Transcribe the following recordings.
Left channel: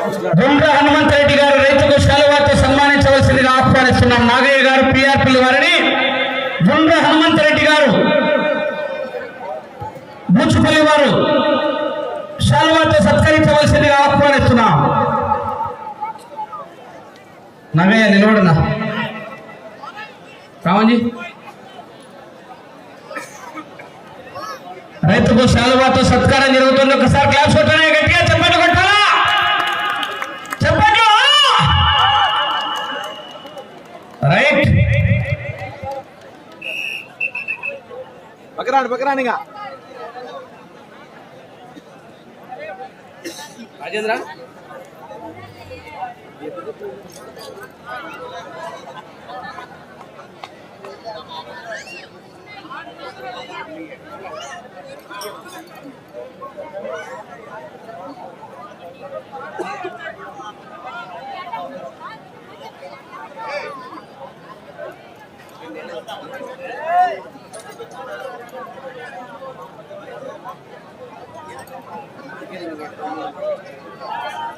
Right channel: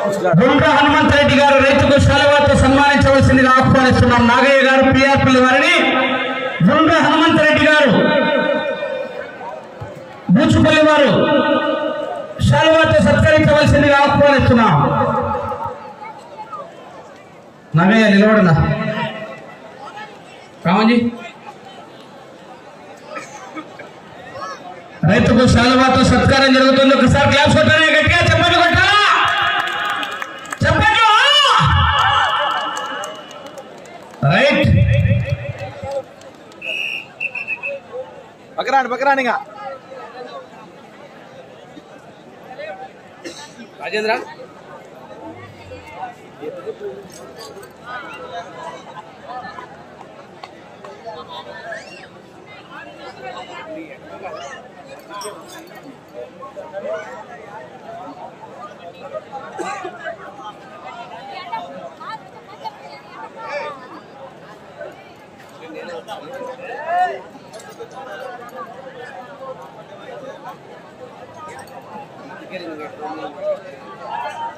హనుమంత్ రెడ్డి గారు రైతుకు பக்கரானு பக்கரானுங்க Rajendra Thank you. getting away from you.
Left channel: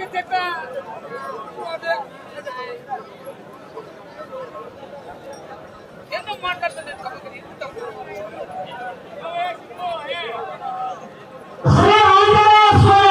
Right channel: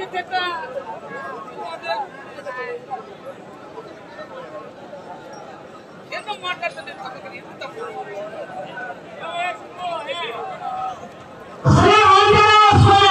చేసేట ఎందుకు మాట్లాడతా నేను పక్కకి ఎందుకు తప్పుడు శ్రీ ఆంజనేయ స్వామి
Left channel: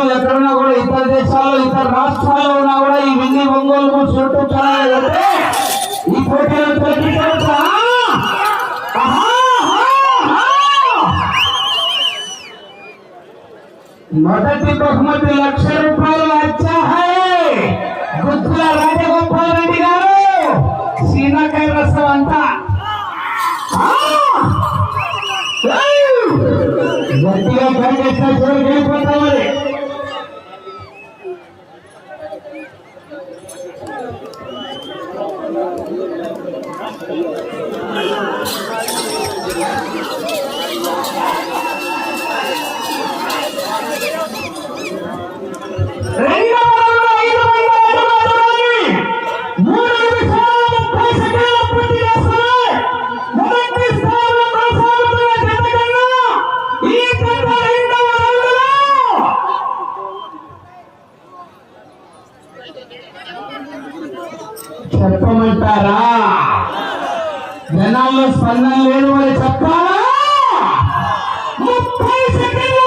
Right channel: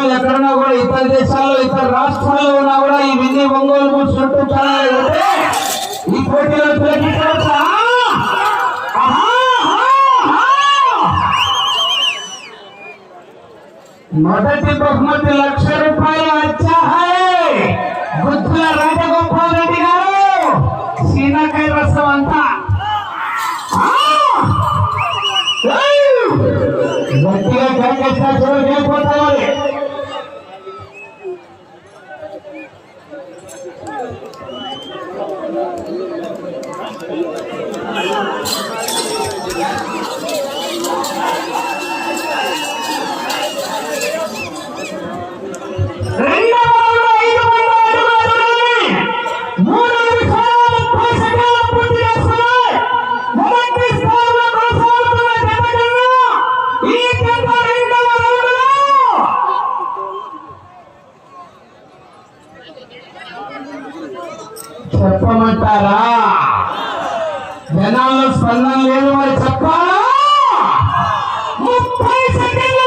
మీ ఎక్కడన్నా కూడా ఇతర దేశాల్లో ఇతర రాష్ట్రాల్లో ఉన్నా కూడా ఈ మిన్ని ఒంగోలు పోలీసులు యూట్యూబ్ ఈ పోటీలో తొలగించవచ్చు మొదటి బహుమతి లక్ష రూపాయలు అచ్చా బుద్ధుల రాజగోపాల్ రెడ్డి గారు సీనాకాయ రసం అంతా ఆ! ఏయ్! గట్టిగా కనిపిస్తా చూడకి చెప్తారా జనాల్లో స్పందన లేదు మరి చెప్పాలా ముప్పై సెకండ్లు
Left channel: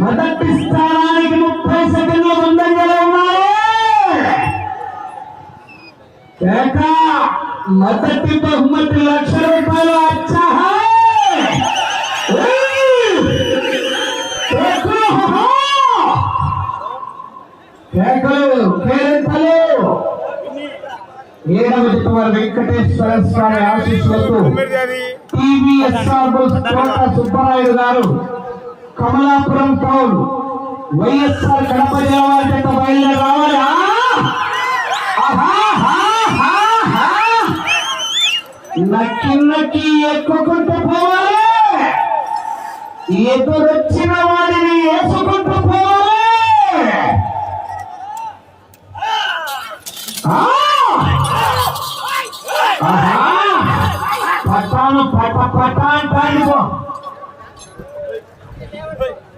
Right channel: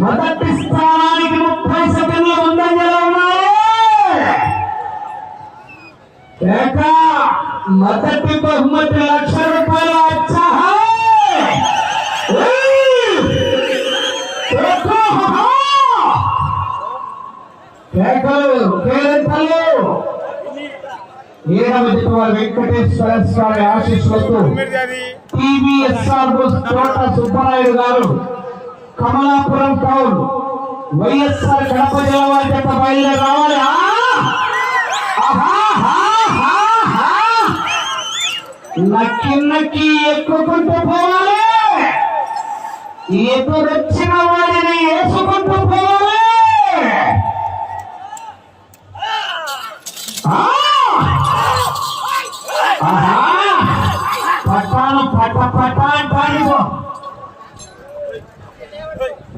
మొదటి స్థానానికి ముప్పై సెకండ్ల ముందంజలో ఉన్నాయి ఏటా మొదటి బహుమతి లక్ష రూపాయలు అచ్చహ కేకలు ఏడవది వెంకటేశ్వర స్వామి ఆశీస్సులతో టీవీఎస్ఆర్ తోట సుబ్బరాయుడు గారు కమలాపురం టౌన్ వైఎస్ఆర్ కడప జిల్లా చెత్త బయలుదేరి రావాలి. నక్కి నక్కి ఎక్కుకుంటూ పోవాలి. ఎదురొచ్చిన వాడిని వేసుకుంటూ పోవాలి. Hey.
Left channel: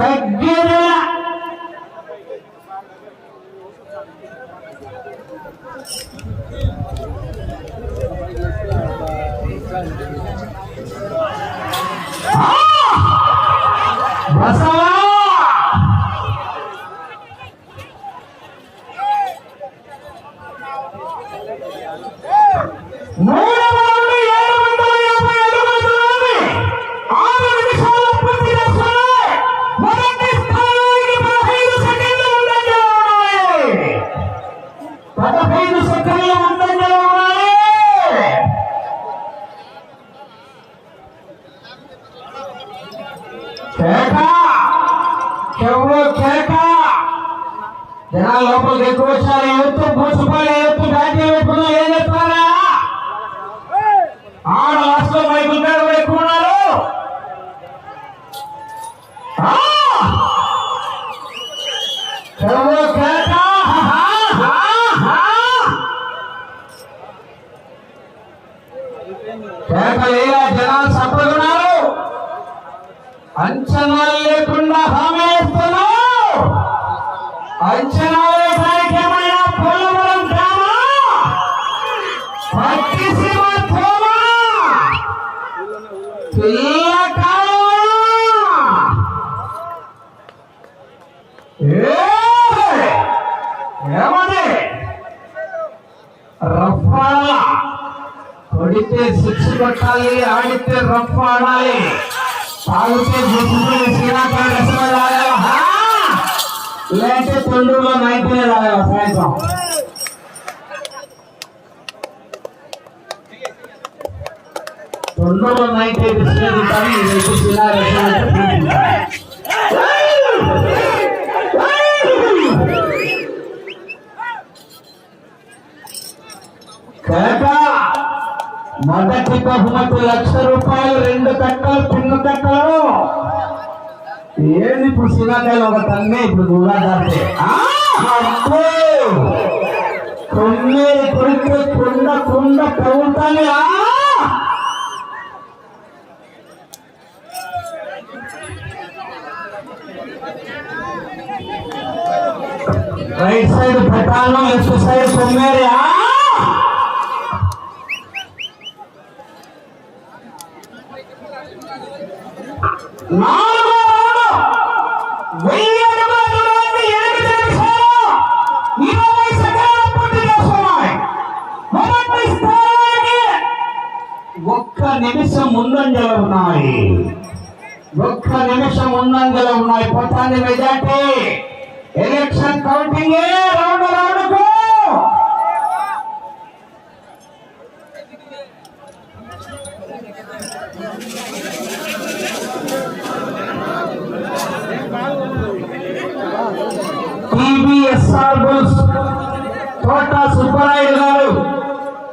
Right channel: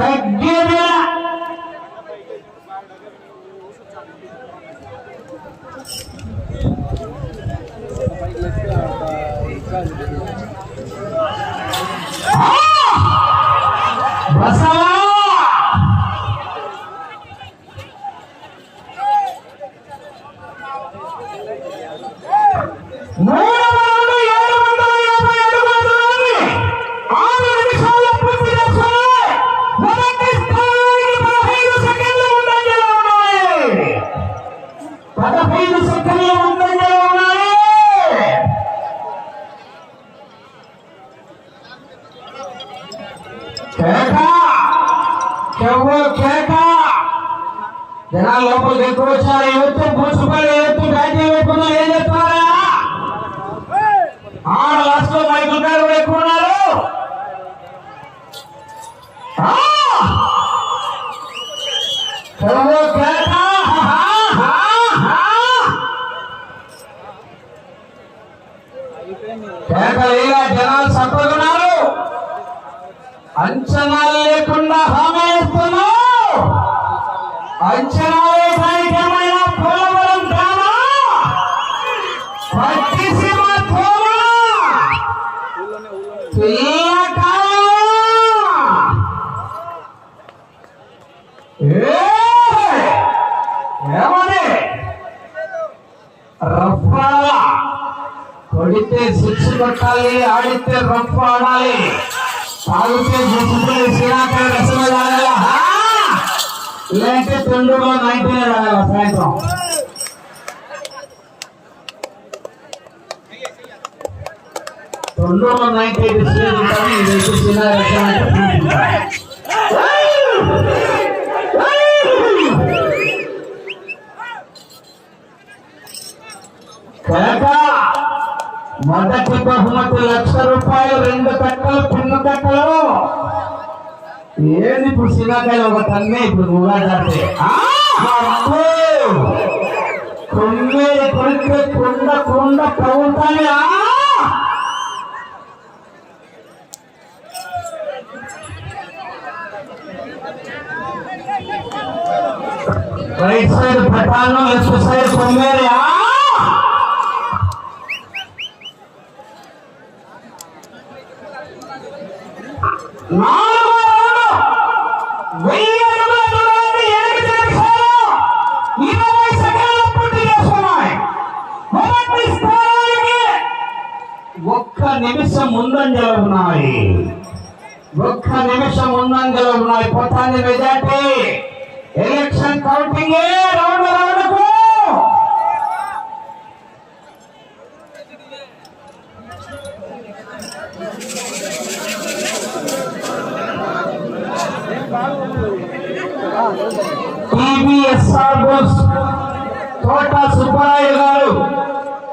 Rabbi করে తొందరలో నైట్ అయితే మొదటి బహుమతి లక్ష రూపాయలు రెండు కట్టలు పిన్ను కట్టలు ఏది ఇప్పుడు శ్రీలంకలో ఒక తన్నే ఇప్పుడు నువ్వు కడితే కొండ కొండ ప్రభుత్వాన్ని రైట్ సైడ్ పటాను లెఫ్ట్ సైడ్ కొమ్మేరి నాలుగో రౌండ్. వెయ్యి అడుగుల దూరాన్ని ఎనిమిది నిమిషాలు. ఇరవై సెకండ్లు పూర్తి మొదటి స్థానానికి ఒక్క నిమిషం ముందంజలో ఉన్నాయి. ఒక్క నిమిషం ముందంజలో ఉన్నాయి. పోతాన్ని మెజార్టీ. కౌంటింగే రౌండ్ రౌండ్కు టీబీఎస్ఆర్ బోస్ తోట సుబ్బరాయుడు గారు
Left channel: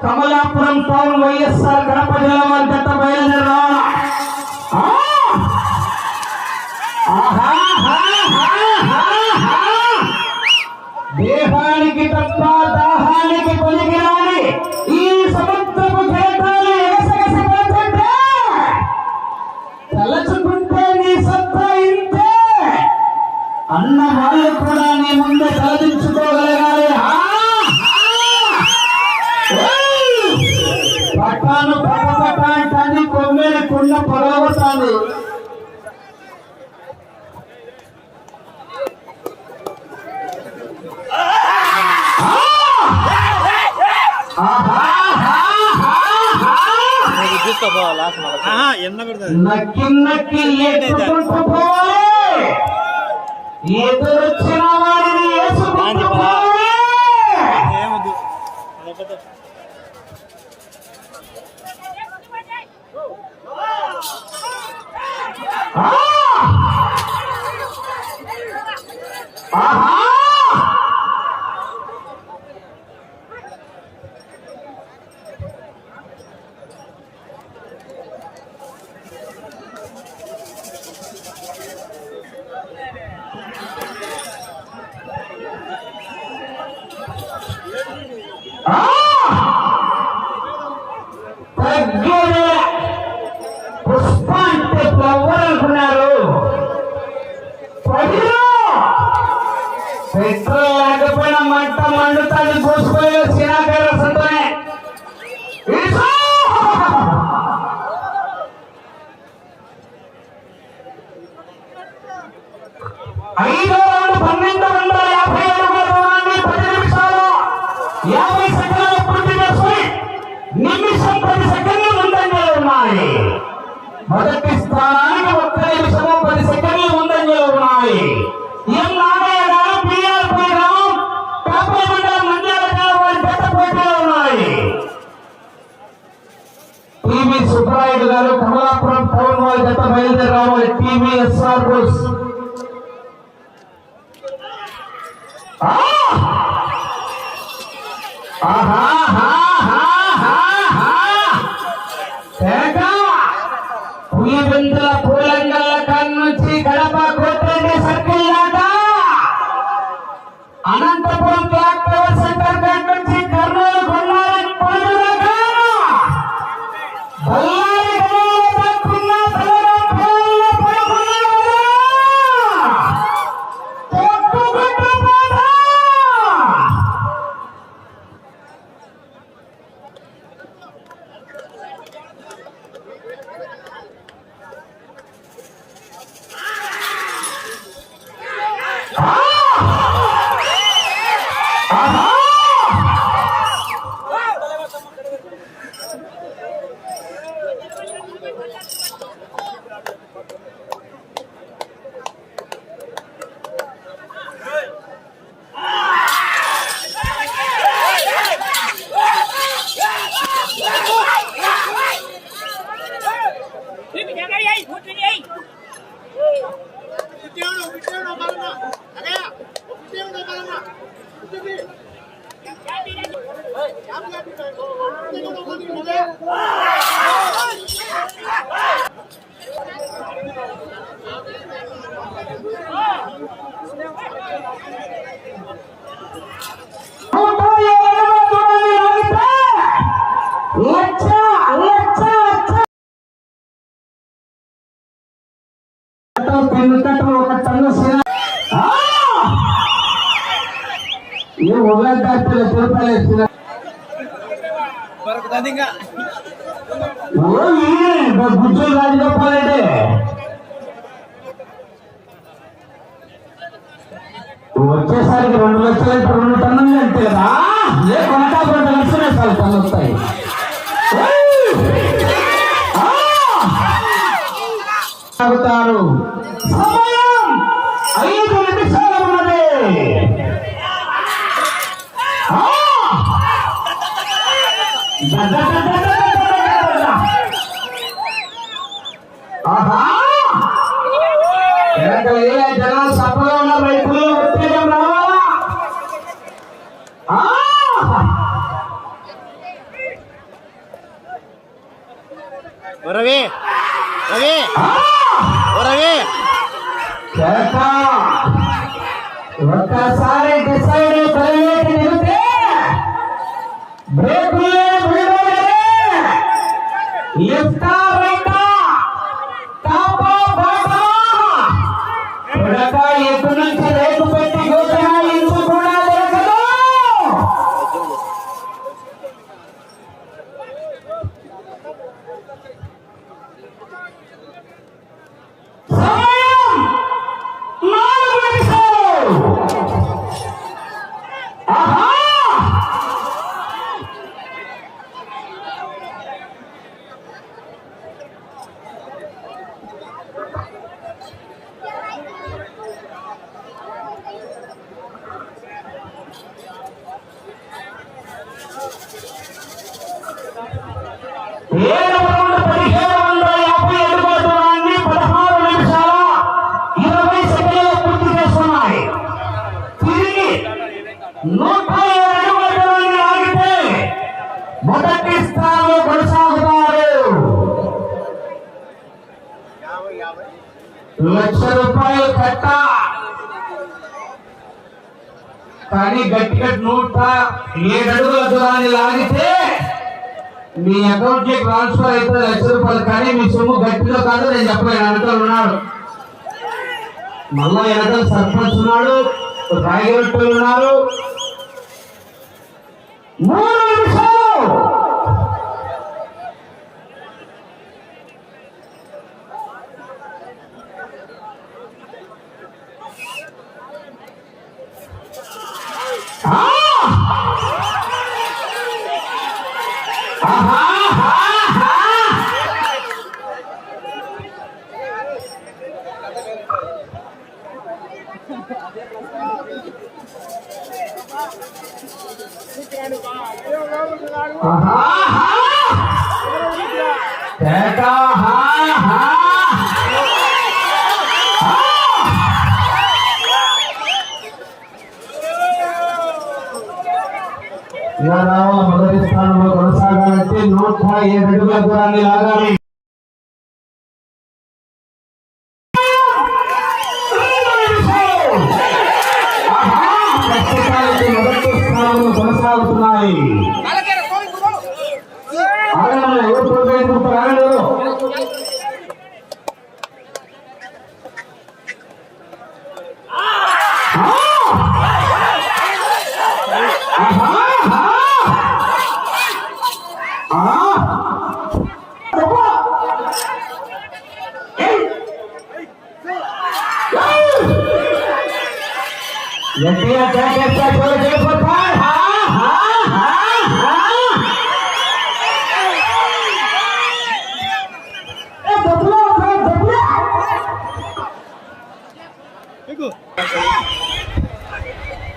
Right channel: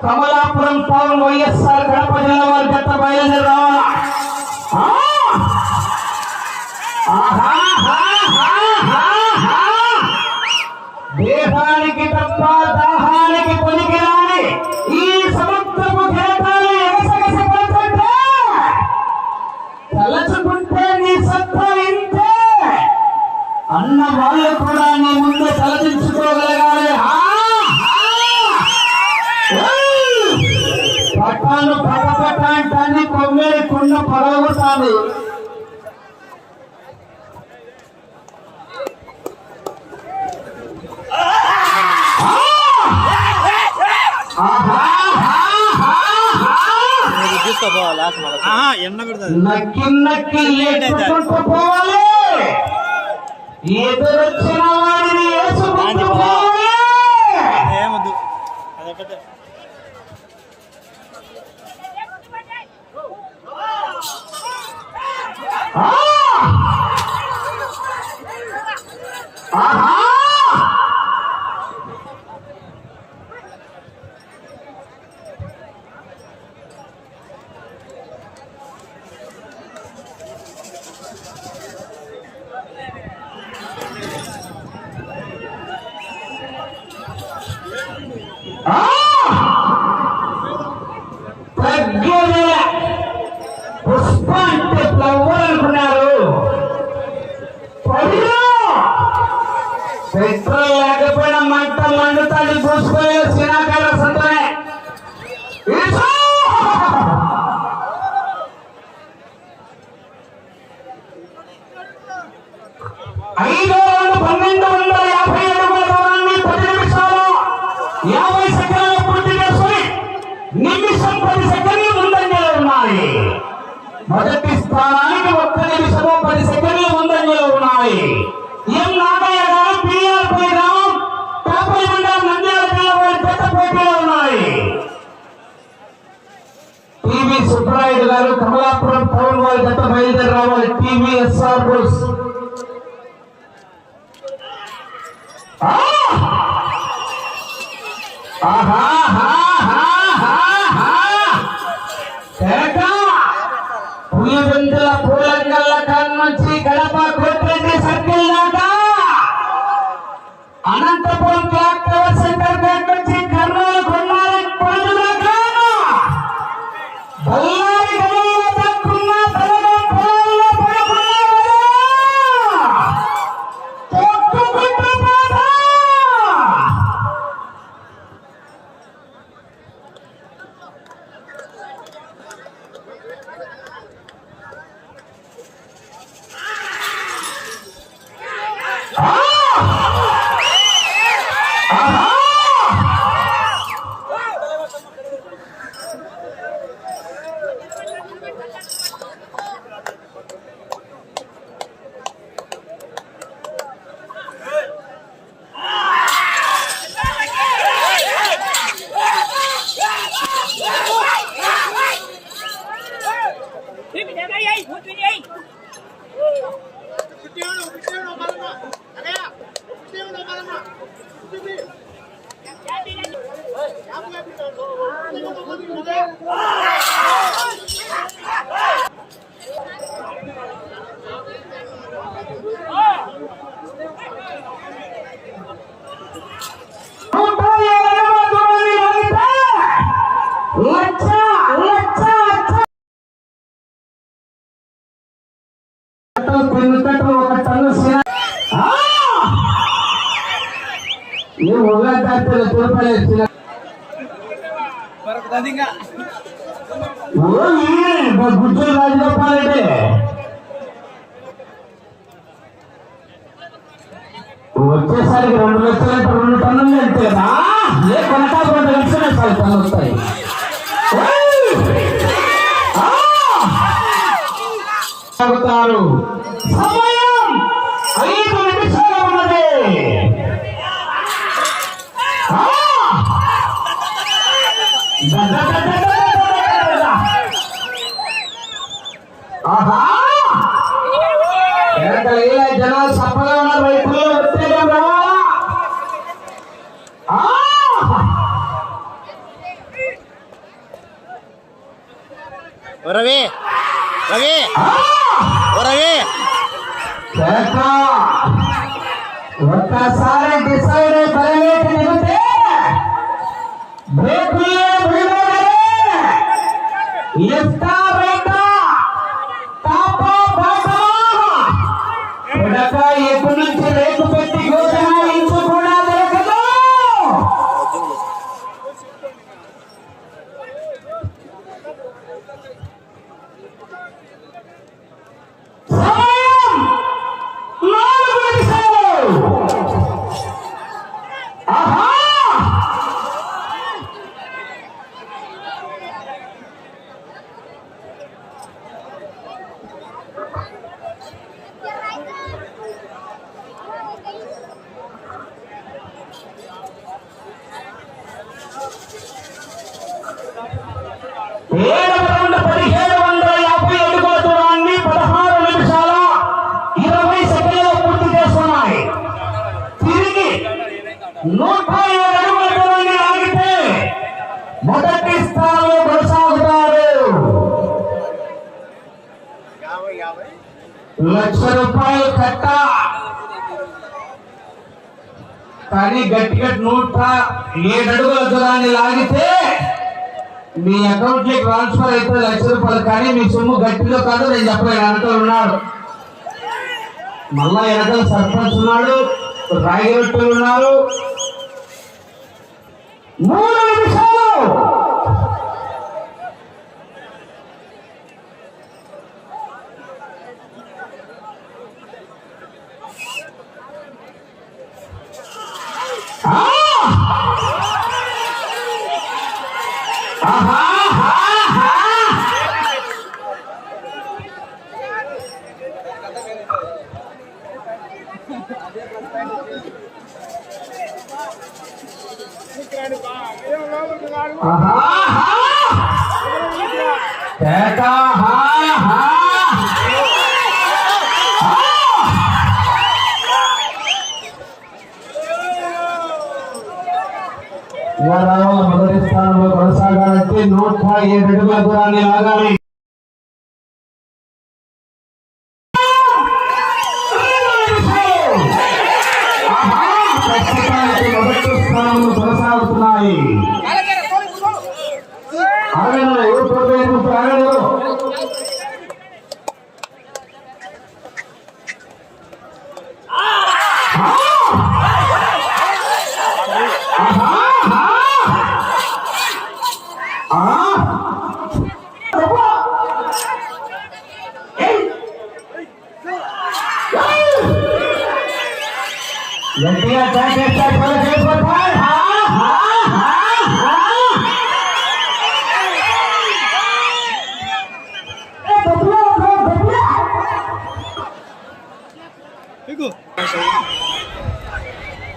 కమలాపురం టౌన్ వైఎస్ఆర్ కడప జిల్లా వారి గత బయలుదేరి రావాలా ఆహా స్వామి నక్కి నక్కి ఎదురొచ్చి ஆஹா Ah! আমরা అయిపోతుంది ఇంకా గుర్తులు రాజగోపాలంటే వచ్చేసరికి రెండు లక్షలు రెండు టన్నులు ఎంత కదా ఏ కొంటా రెండు లక్షలు వస్తాయి. రవి రవి రవి కేక. ఒక్కసారి లక్ష రూపాయలు కట్ట. కానీ గట్టిగా నూట ఏడు అడుగుల దూరాన్ని లాగితే మీ అకౌంట్కి ట్రాన్స్ఫర్ అయితే లక్ష రూపాయలు. కానీ మీ సొమ్ము గట్టిలో కాదు నేను చెప్పలేను. అంటూ ఉన్నాడు. మళ్ళా వెనక సర్పంచ్ ఉన్నాడు. రాయగొట్టులు ఉన్నారు. మూడు నిమిషాలు. Ah!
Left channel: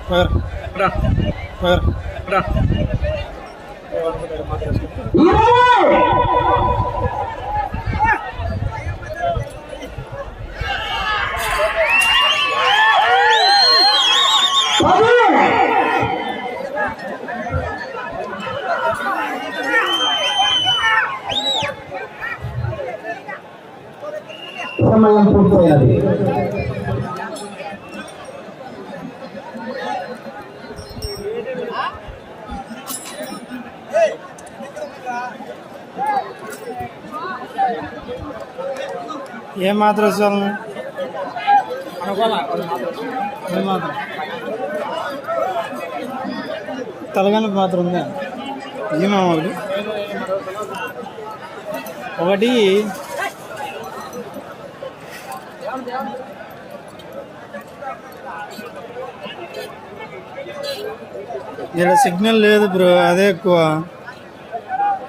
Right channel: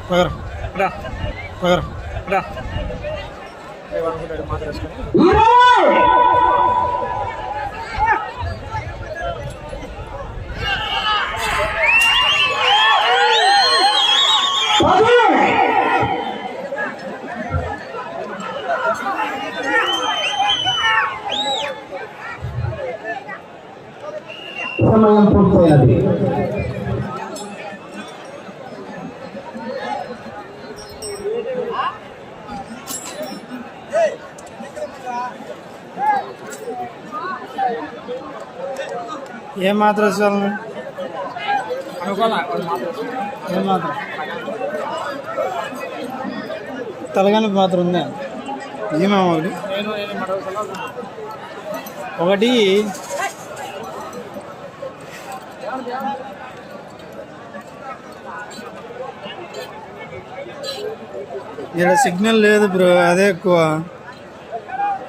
పగర పగర సమయం పూర్తయినది ఏ మాత్రం చాలు ఏ మాత్రం తలగాని మాత్రం ఉందా? ఏమేమో ఒకటి. ఒకటి. ఇక్కడ సిగ్నల్ లేదు బ్రో అదే ఎక్కువ.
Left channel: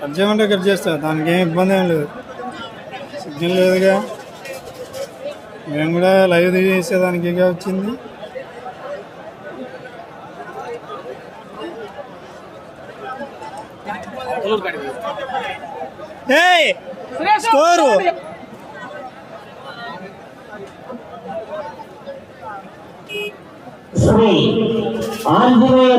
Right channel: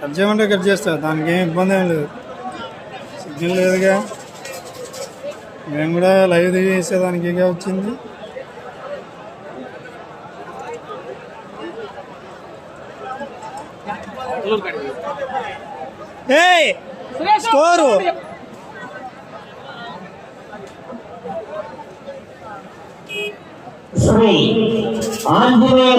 కట్ చేయమంటే కట్ చేస్తా దానికి ఏం ఇబ్బంది ఏం లేదు. సిగ్నల్ లేదుగా. నేను కూడా లైవ్ తీసేదానికి ఇక వచ్చింది. ఏయ్! స్కోరు! ఆంజనేయ